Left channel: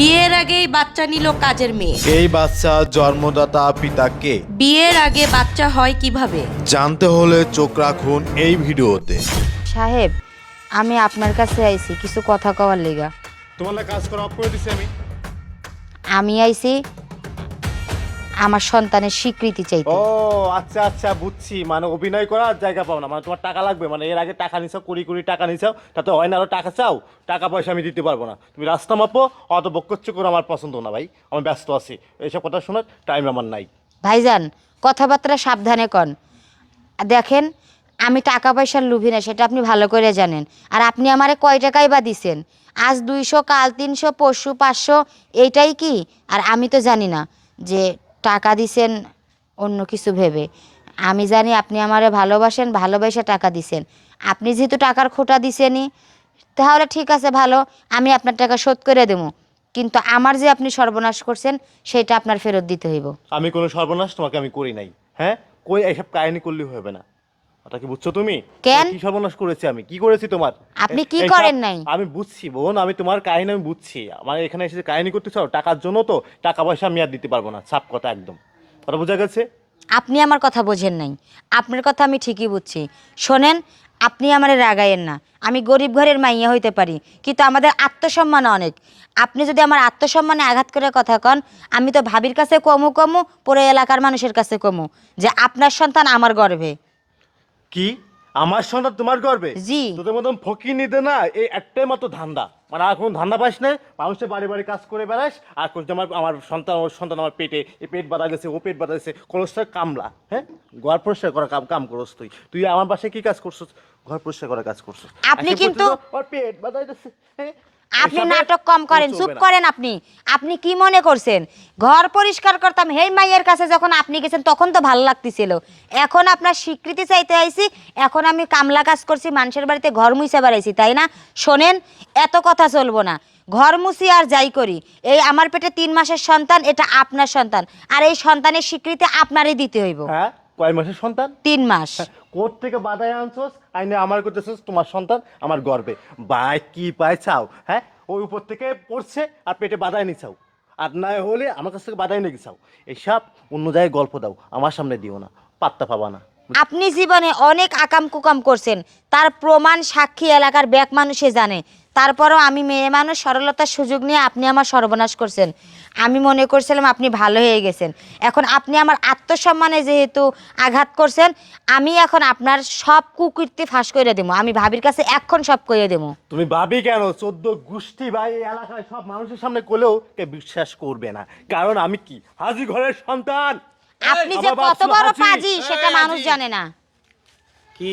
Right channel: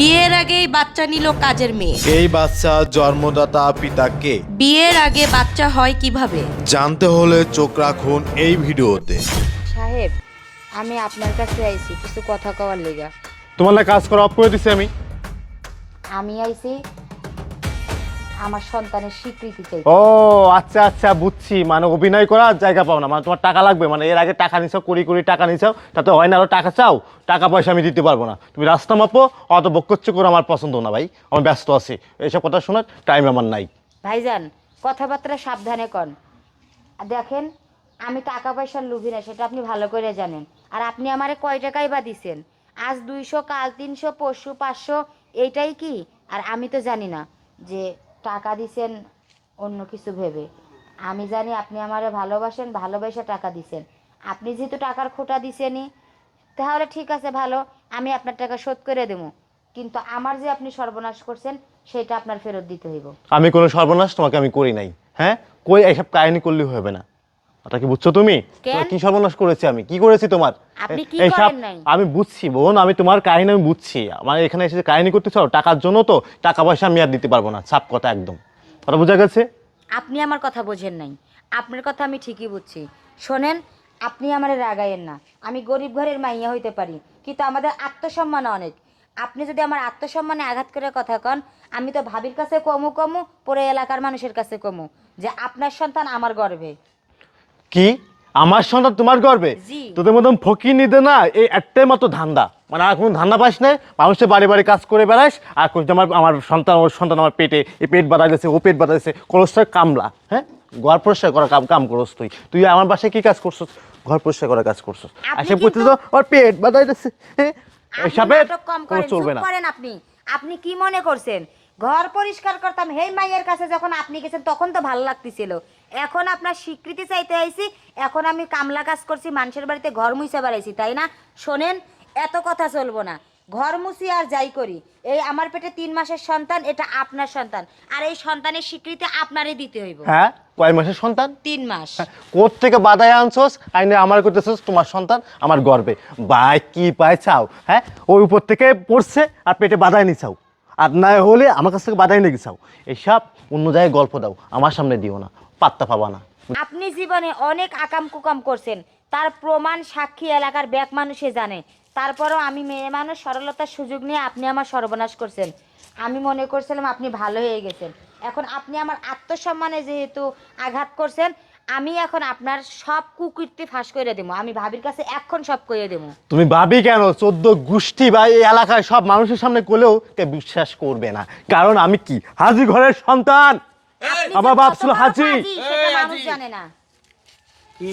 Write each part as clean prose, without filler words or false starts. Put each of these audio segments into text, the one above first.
বিয়ের আগেই বাচ্চা নিল কাজের মেয়ে। এই বাচ্চা জন্মদাতা পিতা কে? বিয়ের আগে বাচ্চা হয় কিভাবে? জানতে হলে চোখ রাখুন এই ভিডিওতে। সাহেব, আমি আপনার কাছে আইছি কিছু কথা কওয়ার লিগা। তোমার কাজ করা অফ করে দিছি আমি আইছি আমার সন্তানের স্বীকৃতি চাইতে। ও আচ্ছা আচ্ছা বুঝছি, মানে অভিনয় করার জায়গা পাও না, মানে তোমার টাকা লাগবে, মানে এর আগে টাকা নিছাও, কুড়ি টাকা নিছাও, তাতে হয় না আরো টাকা চাও, টাকা পয়সা আমি দিতে পারবো না। তুমি রাস্তা মাপো, অত বকচ্ছ করে আমার পছন্দ না ভাই, আমি ব্যস্ত আছি, এইসব কথা শোনার টাইম আমার নাই। ভাইজান, কথাবার্তা সাবধানে কন। দেখেন, আমি টাকা পয়সার লোভী না, সেটা আপনি ভালো করে জানেন। আর আপনি আমারে কয় টাকাই বা দিছেন? আজ 200, কাল 300, পরশু 500, এইটাই কি? আর আমি তো জানি না যে টাকা দিছেন অন্য কিছু ভেবে। আমি জানি আপনি আমারে ভালোবাসেন, ভালোবেসে টাকা দিছেন। আপনি যেহেতু টাকার খোটা দিছেনই, তাহলে ঠিক আছে, ভালো, আমি আপনার টাকা শোধ করে দেবো। কিন্তু আমার যে আপনি সর্বনাশ করছেন সেটা আপনার ফেরত দিতে হইব। আমি কোনো সর্বনাশ তোমাকে আমি করি নাই, হ্যাঁ, কই এইসব কাহিনী করলে হবে না, ওটা কি বুঝছো তুমি? কেন? কি সর্বনাশ করেছি আমি, কি করেছি তোমার? আপনি কি এইসব করেন নাই? আমি বুঝছি বোন, আমি তোমার কাহিনী আমি বুঝছি, আমার এখানে এসে কাহিনী করতে চাও টাকার জন্য, তো টাকা পয়সা আমি আর দিতে পারবো না, সাপ কথা একদম, ওটা বোঝা গেছে? আপনি আমার কথা বোঝেন নাই, আপনার কথা আমি ঠিকই বুঝছি। শোনেন, আপনি আমারে রাগাইয়েন না। আমি গরিব ঘরের মাইয়া হইতে পারি, কিন্তু আমাদের আত্মসম্মান অনেক। আপনি যদি আমার আত্মসম্মানে আঘাত করে কথা কন, আমি তো ভাবির কাছে কমু পুরো এলাকার মানুষের কাছে কমু যে আপনার সন্তান আমার গর্ভে। কি আমার সন্তান তোমার গর্বে? জি। তোদের মতন ফকির নিতে না এই একটাই মাত্র ধান্দা, মানে আর কোনো ধান্দা পাস নাই, মানুষের বাড়ি বাড়ি কাজ করে বেড়াস আর করতে আমার আমার সন্তান, ওর সন্তান আমার পেটে, এই পেট বাঁধা গেছে, ও পেট বাঁধা গেছে, কলসটা কামলা, হ্যাঁ, ঘর পরিষ্কার করা কাম করস তুই, তুই আমার বাসায় কি কাজ করছিস? ঘর পরিষ্কার করা কাজ করছিস। আপনি আজকে কিন্তু- বলছিস ওর পেট বাঁধা গেছে, আপনি নাটক কম করেন, চুপ করেন। আপনি কি মনে করছেন ঘর পরিষ্কার করতাম হেই মাইয়ের কাছে যখন আপনি গেছেন তখন তো ভালো লাগতেছিল। এখন আপনার স্বীকৃতি চাইতে আইছি, এখন আমি কামলা কাজ করছি, মানুষের বাড়িতে ঘর মুছে বেড়াইছি, তাই না? শোনেন, এত কথা চলবো না। ঘর মুছি আর যাই করি, এই আমার পেটে 3 মাসের সন্তান, এটা আপনার সন্তান, আর এই সন্তানের স্বীকৃতি আপনারই দিতে হইব। হ্যাঁ, কয় মাসের সন্তান? 3 মাস। কোথ থেকে বাদায় আনছোস, আইনে আমার করতেছোস, তোমার সন্তান আমার গর্বে, ভাই কি পাই চাও? হ্যাঁ, ওই উপর থেকে পড়ছে আর পেটে বাদায় নিছাও, আর না হলে আমার কাছ থেকে বাদায় নিয়ে গেছাও। এসব অন্য জায়গায় গল্প দাও, আমার সামনে দিও না, পাত্তা পাবা না। আপনি জীবনে অনেক আকাম কুকাম করছেন, তার প্রমাণ সাক্ষী এলাকার ব্যাক মানুষে জানে। তারপরও আমি মেয়ে মানুষ, সরলতার সুযোগ নিয়ে আপনি আমার সর্বনাশ করছেন। আমি মনে করছিলাম আপনি ভালো হয়ে গেছেন, এখন আপনি আমার আত্মসম্মানে যেহেতু আঘাত করছেন, আমি এখন আপনার সব কুকীর্তি ফাঁস করে দেবো। আমি ভাবির কাছে এখন সব করে দেবো। তুমি ভাবি কেন 14 গোষ্ঠী বা এই এলাকায় সব মানুষের সামনে করলেও কে বিশ্বাস করবে না, কারণ আমি কি হাজি ঘরের সন্তান। আপনি যে আমার বাপ কত ছিল বড় হাজি। পাজি সেটা এই মানুষ হাজি। জানে না। কি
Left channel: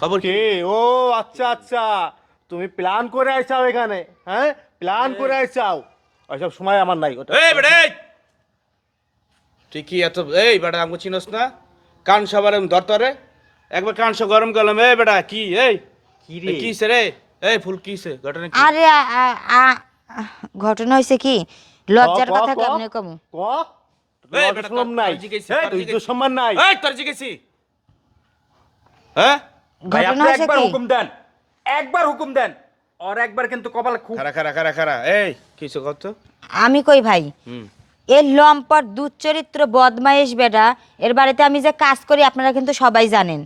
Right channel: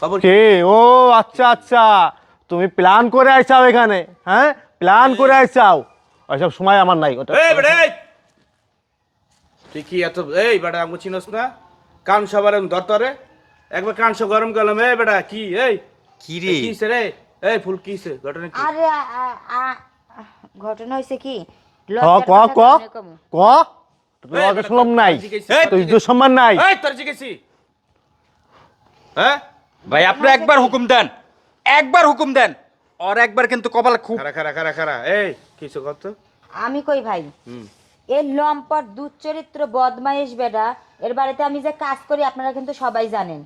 খবর? কে? ও আচ্ছা আচ্ছা, তুমি প্ল্যান করে আইছাও এখানে, হ্যাঁ, প্ল্যান করে আইছাও, ওইসব সময় আমার নাই। ওটা এই বেটা এই, তুই কি এত এই বেটা আমাকে চিনোস না? কান সাবার আমি ধরতরে একবার কান সা গরম গেলাম। এই বেটা কি এই কি রে? কিসে রে? এই ফুল কিসে ঘটনা কি? আরে ঘটনা হয়েছে কি, লজ্জার ক কথা ক কেমনে কমু? ক তোর লগে শুনলাম নাই, এই, তোর ইজ্জত সম্মান নাই। এই তোর জিজ্ঞেসি হ্যাঁ? ভাই ঘটনা আপনি হয়েছে একবার কি? হুকুম দেন, একবার হুকুম দেন, আর একবার কিন্তু কপাল খুব। খারা এই কিসে কথা? আমি কই ভাই, এর লম্পট দুশ্চরিত্র বদমাইশ বেটা, এর বাড়িতে আমি যে কাজ করি আপনারা কিন্তু সবাই জানেন।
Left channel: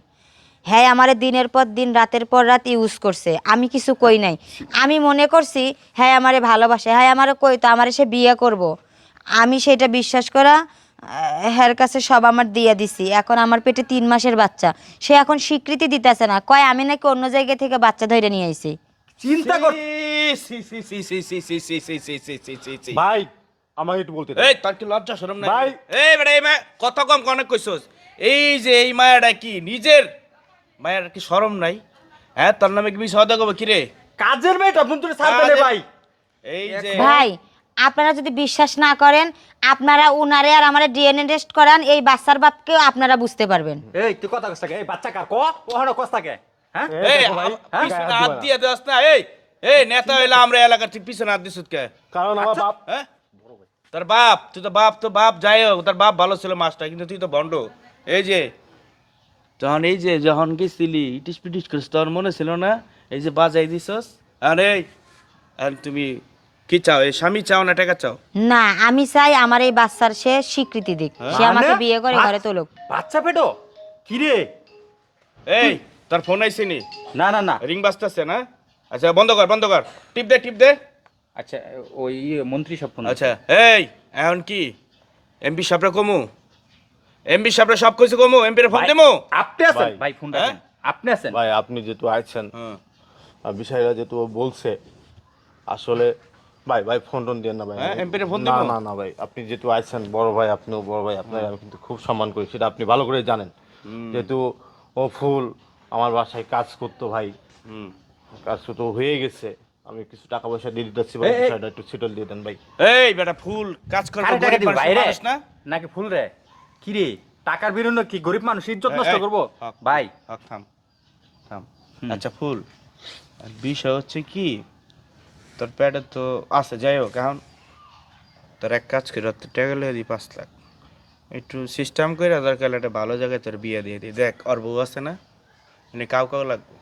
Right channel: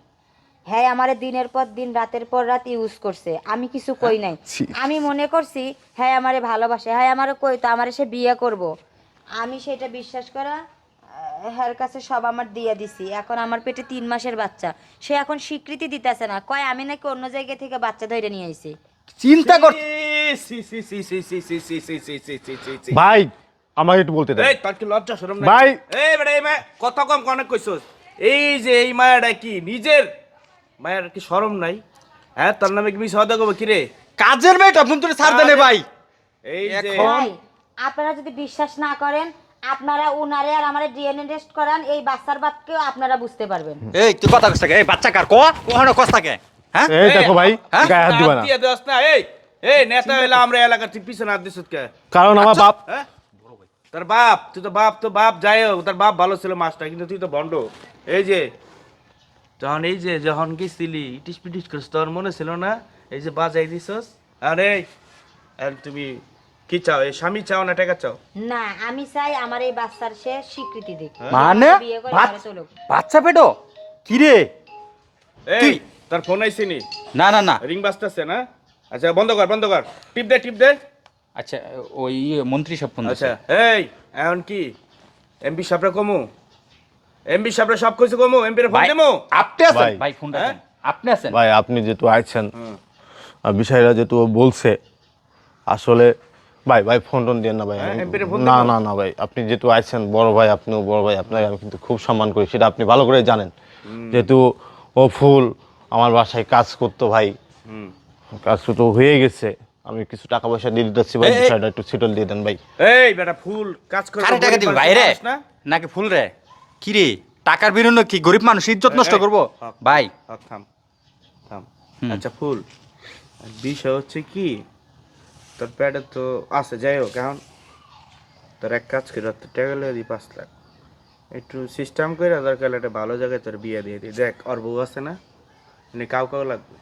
হ্যাঁ, আমারে দিনের পর দিন রাতের পর রাত ইউজ করছে, আমি কিছু কই নাই। আমি মনে করছি হ্যাঁ আমারে ভালোবাসে, হ্যাঁ আমারে কই তো আমারে সে বিয়ে করব। আমি সেটা বিশ্বাস করা হ্যার কাছে সব আমার দিয়ে দিছি। এখন আমার পেটে 3 মাসের বাচ্চা, সে এখন স্বীকৃতি দিতেছে না, কয় আমি নাকি অন্য জায়গা থেকে বাচ্চা ধরে নিয়ে আইছি। চিন্তা কর। ভাই আমাকে একটু বলতে দে। এই তোর কি লজ্জা শরম নাই? ভাই। এই বেটা এই মা কত কম কনে কইছস? এই যে এই মায়াটা কি নিজের মায়ের কি শরম নাই? হ্যাঁ, তোর নামে কি বিষয় দেব কি রে? কাজের মেয়েটা ফোন করে ছাড় দেনে ভাই। এই যে ভাই, আপনারা যদি বিশ্বাস না করেন, আপনারা উনারে আর আমারে ডিএনএ টেস্ট করান, এই বাচ্চার বাপকেও আপনারা বুঝতে পারবেন। এই তুই কথা কইছ থাকে, এই বাচ্চা কার ক ওখানে কস থাকে, হ্যাঁ? এই দেখো ভাই, হ্যাঁ? গায়ে হাত দিবা না, দিয়ে দেস না। এই এই নেতা হইলা আমরা এলাকার ঠিক পিছনে হাত দিছত কে? কারণ আমার বাপ। হ্যাঁ, তোর বাপ, তুই তো বাপ যাই হোক, তোর বাপ ভালো ছিল মাস্টার, কিন্তু তুই তো ভণ্ড। এই যে তখন এই যে যখন গেছিলি ইটিস পিটিস করিস, তোর মনে ছিল না? এই যে বাজাই দিছস, আরে আর তুমি কি কি চাও এই স্বামী চাও না টাকা চাও? না, আমি চাই আমার এই বাচ্চার সে স্বীকৃতি দিক, সে মানে? আমাকে বিয়ে করে ঘরে তুলুক। বাচ্চা পেটো কি রে? এই তোর ফোন আইছিনি? না না না, রিং বাজতেছে না? আচ্ছা বন্ধ কর, টিপ দে। আচ্ছা ওই মন্ত্রী সব ফোন আচ্ছা এই এখন কি এমপি সাহেবরা কমু? এমপি সাহেবরা সব কিছু কমু, এমপি রে ফোন দেমু? আপনি আছেন ভাই। ভাই, ফোনটা হ্যাঁ? দেন। আপনি আছেন ভাই আপনি যেহেতু আইছেন হুম। আর বিষয়টা যেহেতু ও বলছে আসলে ভাই ফোন টোন দিয়ে না ভাই। হ্যাঁ, MP রে ফোন না দিবো? না ভাই, আপনি যেহেতু আইছেন বড় ভাই, আপনিও বড় ভাই, আপনাকে আমি কিন্তু খুব সম্মান করি, সেটা আপনি ভালো করে জানেন। যেহেতু ও ফুল আমার বাসায় কাজ করতো ভাই, হুম। কাজ তো হয়ে গেছে, আমি কিছু টাকা পয়সা দিয়ে দিতেছি ভাই, বিষয়টা একটু সেটল দিয়ে দেন ভাই। এই বেটা ফুল কাজ করে কারে টাকা দিবি ভাই রে? না? নাকি ফুল রে? কি রে টাকার বিনিময়ে কি গরিব মানুষ ইজ্জত নষ্ট এই, করবো? হক, ভাই হক, থাম। আচ্ছা ফুল বিষয় হচ্ছে কি তোর প্যাডে তো আছে, যাই হোক এখন তোর এক কাজ করে তোর টাকা লিয়ে দিই 5 লাখ, একটু সিস্টেম করে আধার কার্ড একটা ভালো জায়গায় তোর বিয়ে দিয়ে দিই। দেখ ওর বউ আছে না, এনে কাউ লাগবে।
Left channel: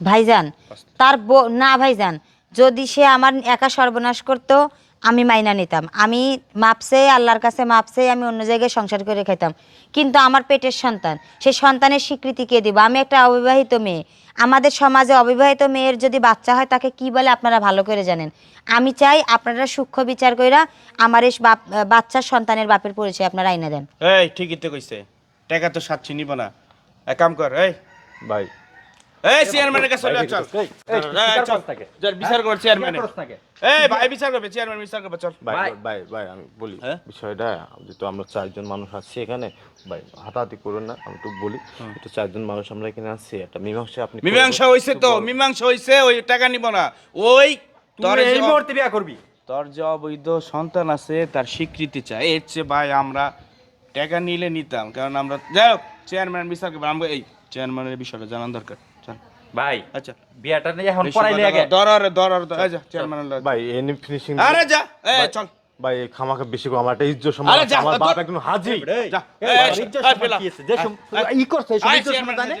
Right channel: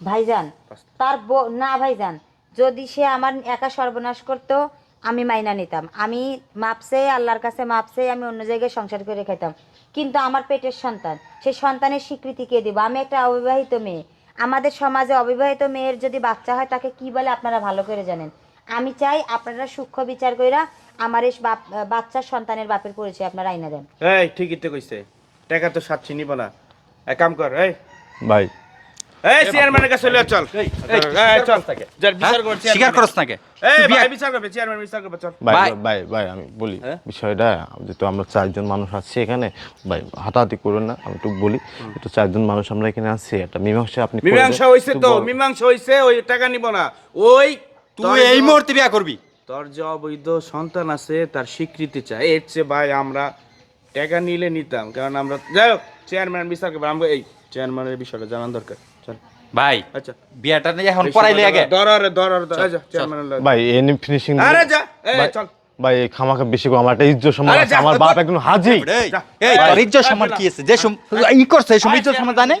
ভাইজান না ভাইজান, যদি সে আমার একা সর্বনাশ করতো আমি মাইনা নিতাম, আমি মাপসে আল্লাহর কাছে মাপসে আমি অন্য জায়গায় সংসার করে খাইতাম, কিন্তু আমার পেটের সন্তান, সেই সন্তানের স্বীকৃতি কে দিব? আমি একটা অবিবাহিত মেয়ে, আমাদের সমাজে অবিবাহিত মেয়ের যদি বাচ্চা হয় তাকে কি বলে আপনারা ভালো করে জানেন। আমি চাই আপনারা সূক্ষ্ম বিচার কইরা আমার এই বাচ্চার সন্তানের বাপের পরিচয় আপনারা আইনা দেন। এই ঠিকই তো কইছে, টাকা তো সাচ্ছি নিব না, এক কাম কর ভাই এই চেয়ারম্যানের কাছে চলে চল। এই, চল যার বিচার কর স্বীকার চেয়ারম্যান। করছ নাকি? এই ভাই বিচার করবে, চেয়ারম্যান বিচার করবে, চল। ভাই। ভাই আমি বলি হ্যাঁ? বিষয়টা, যেহেতু আমরা 4 জন মানুষ আছি এখানে, ভাই হাতাহাতি করুন না, আমি একটু বলি, তো 4 জন মানুষ আমরা এখানে আছি, একটা মীমাংসা আপনি করবেন। মীমাংসা হইছে তো, মীমাংসা হইছে, ওই টাকা নিব না। ওই তুই এই মুহূর্তে বিয়া করবি? তোর যে অবৈধ সন্তান আছে তার স্বীকৃতি চাই, এর চেয়ে ভাই আমরা টাকা নিলে নিতাম, কারণ আমরা যাই হোক চেয়ারম্যান বিচার করবে, আমরা এই চেয়ারম্যানের বিষয়টা জানার দরকার। চল ভাই আচ্ছা বিয়াটা নিয়ে এখন পড়াইলে আগে। ধর যা চেয়ারম্যানের লাগে। ভাই এনি ফিনিশিং আরে যা এই চল ভাই, এই খামাকে বেশি করে আমার একটা ইজ্জত সম্মান আরে আছে, যা, আমার বাপ একজন হাজি। এই তোর ইজ্জত সম্মান কি আছে? যে ই করছে এই সব ইজ্জত সম্মান জানে?